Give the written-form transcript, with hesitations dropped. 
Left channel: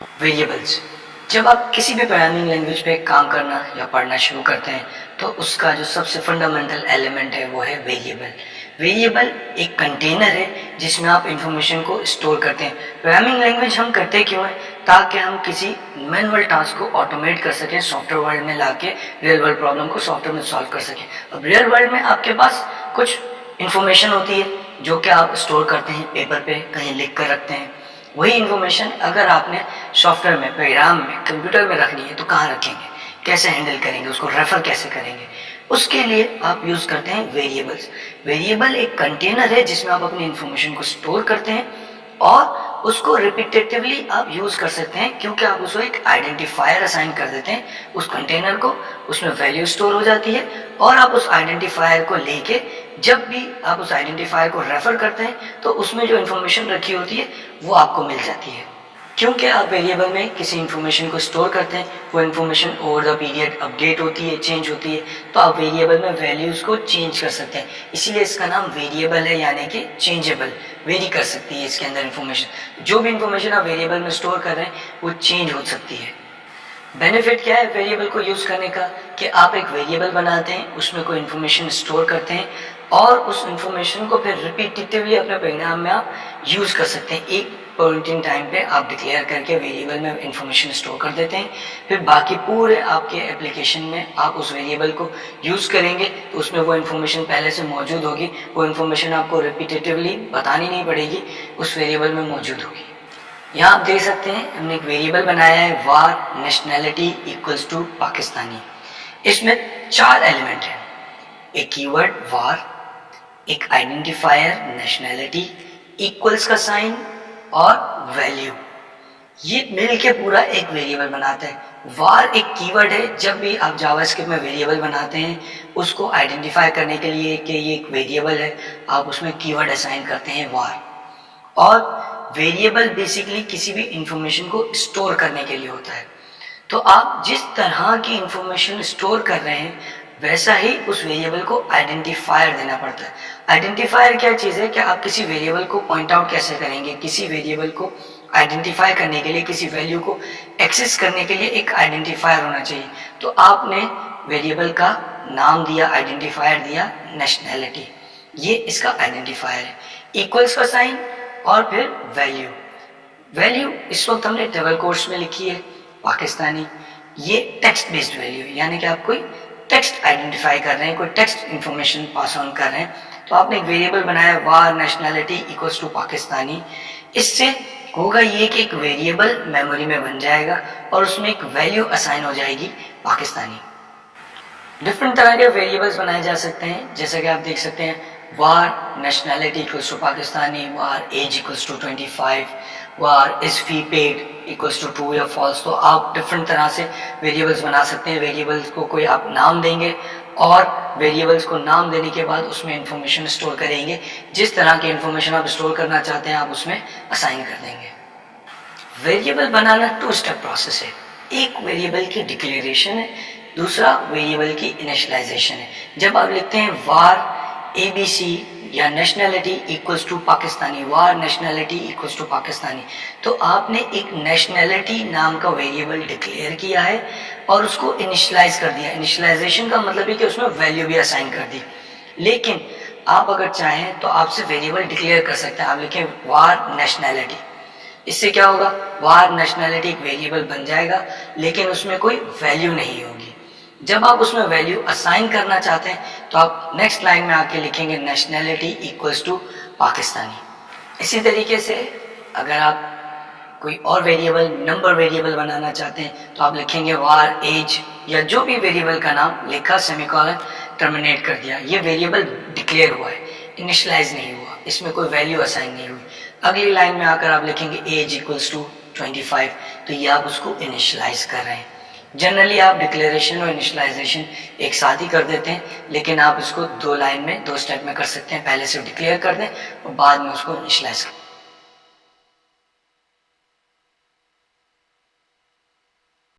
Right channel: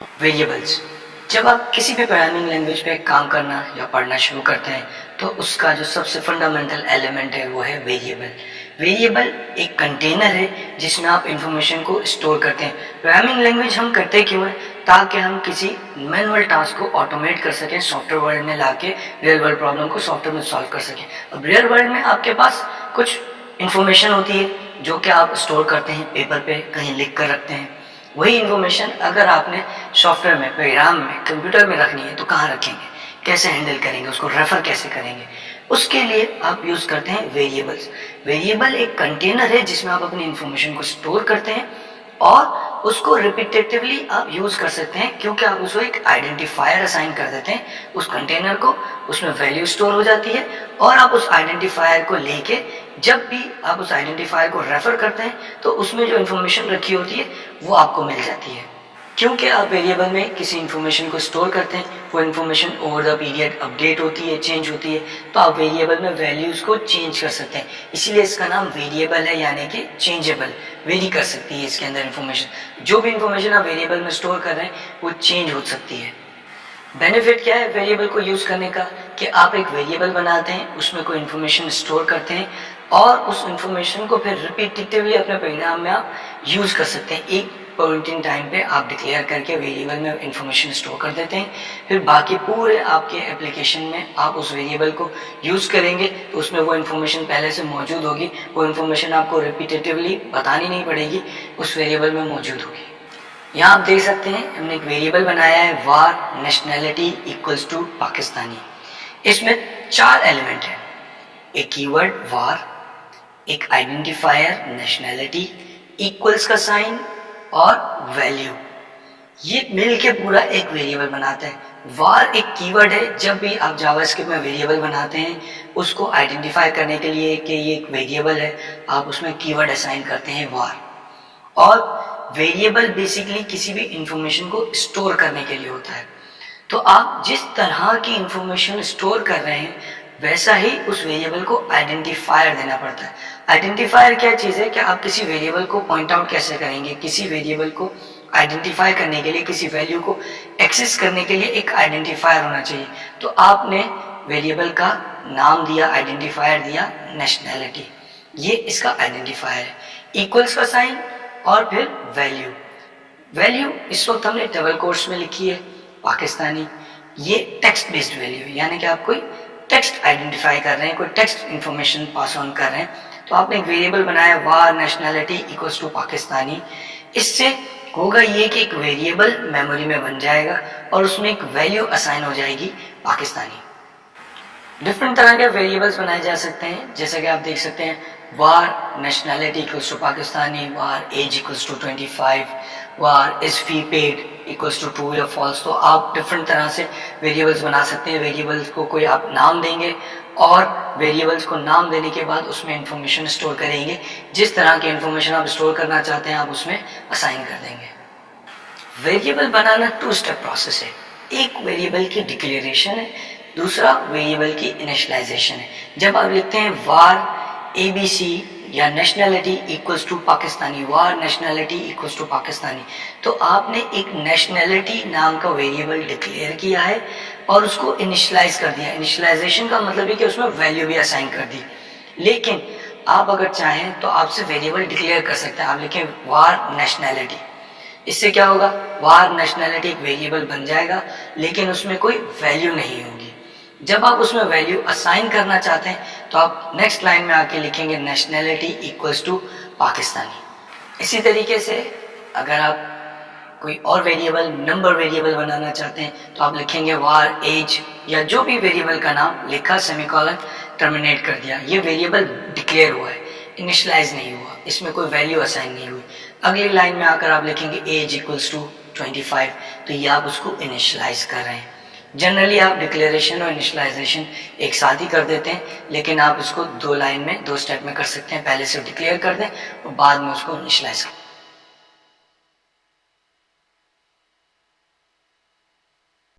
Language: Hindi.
वेरिएबल्स। जब आप किसी भी प्रोग्रामिंग लैंग्वेज पे काम करना या पढ़ना शुरू करते हैं तो उसका जो सबसे फंडामेंटल एलिमेंट है वो है वेरिएबल। वेरिएबल एक कंटेनर है जिसमें आप इंफॉर्मेशन को स्टोर करते हैं। प्रोग्रामिंग लैंग्वेज हम करते क्यों हैं? ताकि हम किसी मैनुअल टास्क को ऑटोमेट कर सकें, सॉफ्टवेयर वर्ल्ड में लाके रियल वर्ल्ड प्रॉब्लम को सॉफ्टवेयर में सॉल्व कर सकें। अब रियल वर्ल्ड में आपके पास कुछ इंफॉर्मेशन होती है जो कि आप स्टोर करते हैं पेपर पे, कहीं लिख कर रखते हैं। वही इन्फॉर्मेशन अगर आपने सॉफ्टवेयर में, प्रोग्राम में, कंप्यूटर में रखनी है तो कहाँ रखेंगे, कैसे हैंडल करेंगे, उसको रेफर कैसे करेंगे? उसके लिए आप यूज़ करते हैं वेरिएबल्स। वेरिएबल एक कंटेनर है जिसमें आप अपनी इन्फॉर्मेशन को स्टोर करते हैं और उसको रिपीटेटिवली आप यूज़ कर सकते हैं, क्योंकि आप उसको एक आइडेंटिफायर असाइन कर देते हैं उस कंटेनर को, उसमें वैल्यू स्टोर हो जाती है और आप उस आइडेंटिफायर को लेके जब भी आप उस आइडेंटिफायर को रेफर करते हैं तो उसमें जो इन्फॉर्मेशन रखी होती है वो आपको मिल जाती है। क्योंकि आप वेरिएबल में किसी इन्फॉर्मेशन को स्टोर करते हैं, वो information over the period update होती है, चेंज होती है, तो आप वेरिएबल में वैल्यूज़ को चेंज कर सकते हैं। इसीलिए इसका नाम वेरिएबल है, यानी कि चेंजेबल, वेरी कर सकती है इसके अंदर इन्फॉर्मेशन। जो भी इन्फॉर्मेशन आप वेरिएबल में स्टोर कर रहे हैं वो चेंज हो सकती है। बेनिफिट क्या है वेरिएबल को यूज़ करने का कि आप एक वेरिएबल बनाते हैं, उसमें कोई इन्फॉर्मेशन स्टोर करते हैं और उस इन्फॉर्मेशन को फिर रिपीटेटिवली अपने प्रोग्राम में आप यूज़ कर सकते हैं। एक पॉइंट इन टाइम पे आप डिक्लेयर करके वेरिएबल में इन्फॉर्मेशन स्टोर कर देते हैं, फिर बाकी पूरे आपके एप्लीकेशन में आप उस वेरिएबल को यूज़ करेंगे तो उसमें वो इन्फॉर्मेशन पहले से मौजूद होगी। वो इन्फॉर्मेशन आपको रिपीटेटिवली बतानी नहीं पड़ेगी, उस वेरिएबल में मौजूद होगी। यहाँ आप देख सकते हैं हमने एक वेरिएबल बनाया है वार नेशनैलिटी इक्वल्स टू पाकिस्तानी। इसमें 4 एलिमेंट हैं, एक कीवर्ड वार, एक आइडेंटिफायर नेशनैलिटी, इक्वल्स का साइन और वैल्यू। ये मिल के पूरा एक वेरिएबल बनाता है। वार एक कीवर्ड है, जब भी आप जावास्क्रिप्ट में वेरिएबल बनाते हैं उसको आइडेंटिफाई करने के लिए कि ये एक वेरिएबल है, आप उसमें कीवर्ड असाइन करते हैं वार। और वेरिएबल बेसिकली किसी भी इंफॉर्मेशन को स्टोर करने के लिए होता है। तो आप जिस तरह की इंफॉर्मेशन स्टोर कर रहे हैं वैसा ही उस वेरिएबल को आइडेंटिफायर देना पड़ता है। आइडेंटिफायर क्या चीज़ है कि आप किसी वेरिएबल को पॉइंट आउट कैसे करेंगे, किसी वेरिएबल को आइडेंटिफाई करने के लिए, किसी वैल्यू को एक्सेस करने के लिए एक आइडेंटिफायर होना चाहिए। तो आपने वेरिएबल का नाम दिया, आइडेंटिफायर दिया नेशनैलिटी, ये इसका आइडेंटिफायर है। इक्वल्स का साइन और फिर वैल्यू। वैल्यू इस वक्त हमने डबल कोट्स में लिखी है पाकिस्तानी, ये टेक्स्ट बेस्ड वैल्यू है, यानी कि आप कोई टेक्स्ट आइडेंटिफाई कर रहे हैं, कोई टेक्स्ट इन्फॉर्मेशन पास ऑन कर रहे हैं। तो आपने एक वेरिएबल बनाया वार नेशनैलिटी इक्वल्स टू पाकिस्तानी। इससे होगा ये कि एक वेरिएबल मेमोरी में बन जाएगा और उसमें एक वैल्यू असाइन हो जाएगी पाकिस्तानी। डिफरेंट तरह के वेरिएबल्स बनाए जा सकते हैं, जैसा कि आप देख सकते हैं var nationality equals to Pakistani, var age equals to 25, var is fee paid equals to true या फॉल्स। तो आप डिफरेंट तरह से वेरिएबल्स बना सकते हैं। वेरिएबल्स को कोई आप नाम देंगे और वेरिएबल्स को नाम देने के बाद उसमें इंफॉर्मेशन स्टोर करेंगे। जिस तरह की इंफॉर्मेशन आप स्टोर करना चाहते हैं आप उसमें असाइन कर देंगे। वेरिएबल बनाना 2 स्टेप प्रोसेस है। एक वेरिएबल की डिक्लेरेशन है, दूसरा वेरिएबल की इनिशियलाइजेशन है। जब आप लिखते हैं वार ABC या nationality equals to Pakistani, var nationality equals to Pakistani, तो आपने एक नेशनैलिटी नाम का वेरिएबल डिक्लेयर किया है और उसको इनिशियलाइज कर दिया। इनिशियलाइजेशन का मतलब है कि उसमें वैल्यू भी असाइन कर दी। लेकिन आप अगर चाहें तो आप सिर्फ वेरिएबल डिक्लेयर कर सकते हैं। आप लिखें वार नेशनैलिटी, इससे क्या होगा, वार नेशनैलिटी एक वेरिएबल बन जाएगा लेकिन उसमें कोई वैल्यू नहीं होगी। जब आप उसमें वैल्यू असाइन करना चाहते हैं तो आप नेक्स्ट लाइन में आके लिखेंगे नेशनैलिटी इक्वल्स टू पाकिस्तानी। इसी तरीके से अगर आप कोई और वेरिएबल, नंबर वेरिएबल बनाना चाहते हैं तो आप लिखेंगे वार एज या जो भी वेरिएबल का नाम लिखा, सेमीकोलन, टर्मिनेट कर दिया। ये वेरिएबल डिक्लेयर हुआ है, इनिशियलाइज नहीं हुआ, इसमें कोई वैल्यू असाइन नहीं हुई। अगली लाइन में आकर आप लिखेंगे एज इक्वल्स टू 25, तो ये आप उसको इनिशियलाइज कर रहे हैं। जनरली आप डिक्लेरेशन और इनिशियलाइजेशन एक साथ ही कर देते हैं, लेकिन आप इसको 2 लाइन में, 2 स्टेप में कर सकते हैं। पहले से डिक्लेयर कर दें और बाद में उसको इनिशियलाइज करें।